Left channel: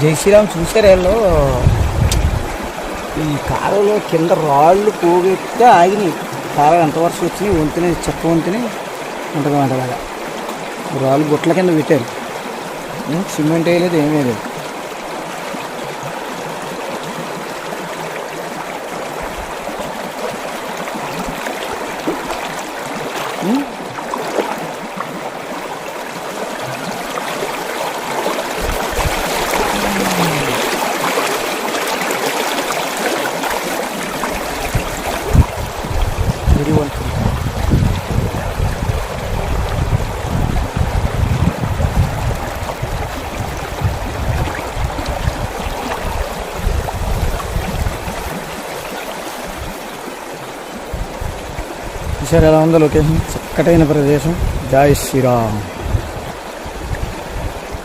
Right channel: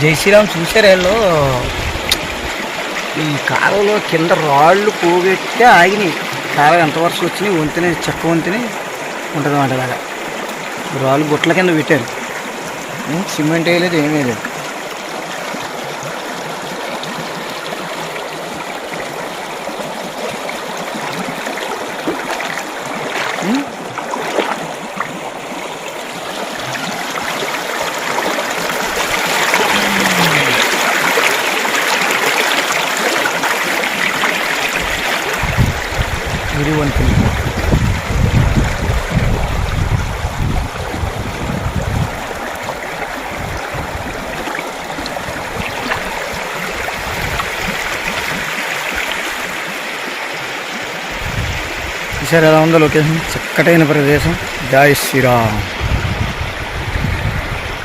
జై శ్రీరామ్ చూసారు వీళ్ళు ఈ కాలంలో కింద రాళ్ళు పోగొట్టి ఆగినాయి. కాలం ఎంత వర్షం వచ్చినాయి వంతెన చెక్క వంతెని ఉంటుంది అన్నమాట. అలాగా రాళ్ళు గుట్ల కింద పెట్టారు. సిమెంట్ వేయలేదు, ఏమీ లేదు. ఇది వంతెన. చూసారు ఎలా ఉందో లొకేషన్, చక్కటైన ప్రదేశం. జై శ్రీరామ్.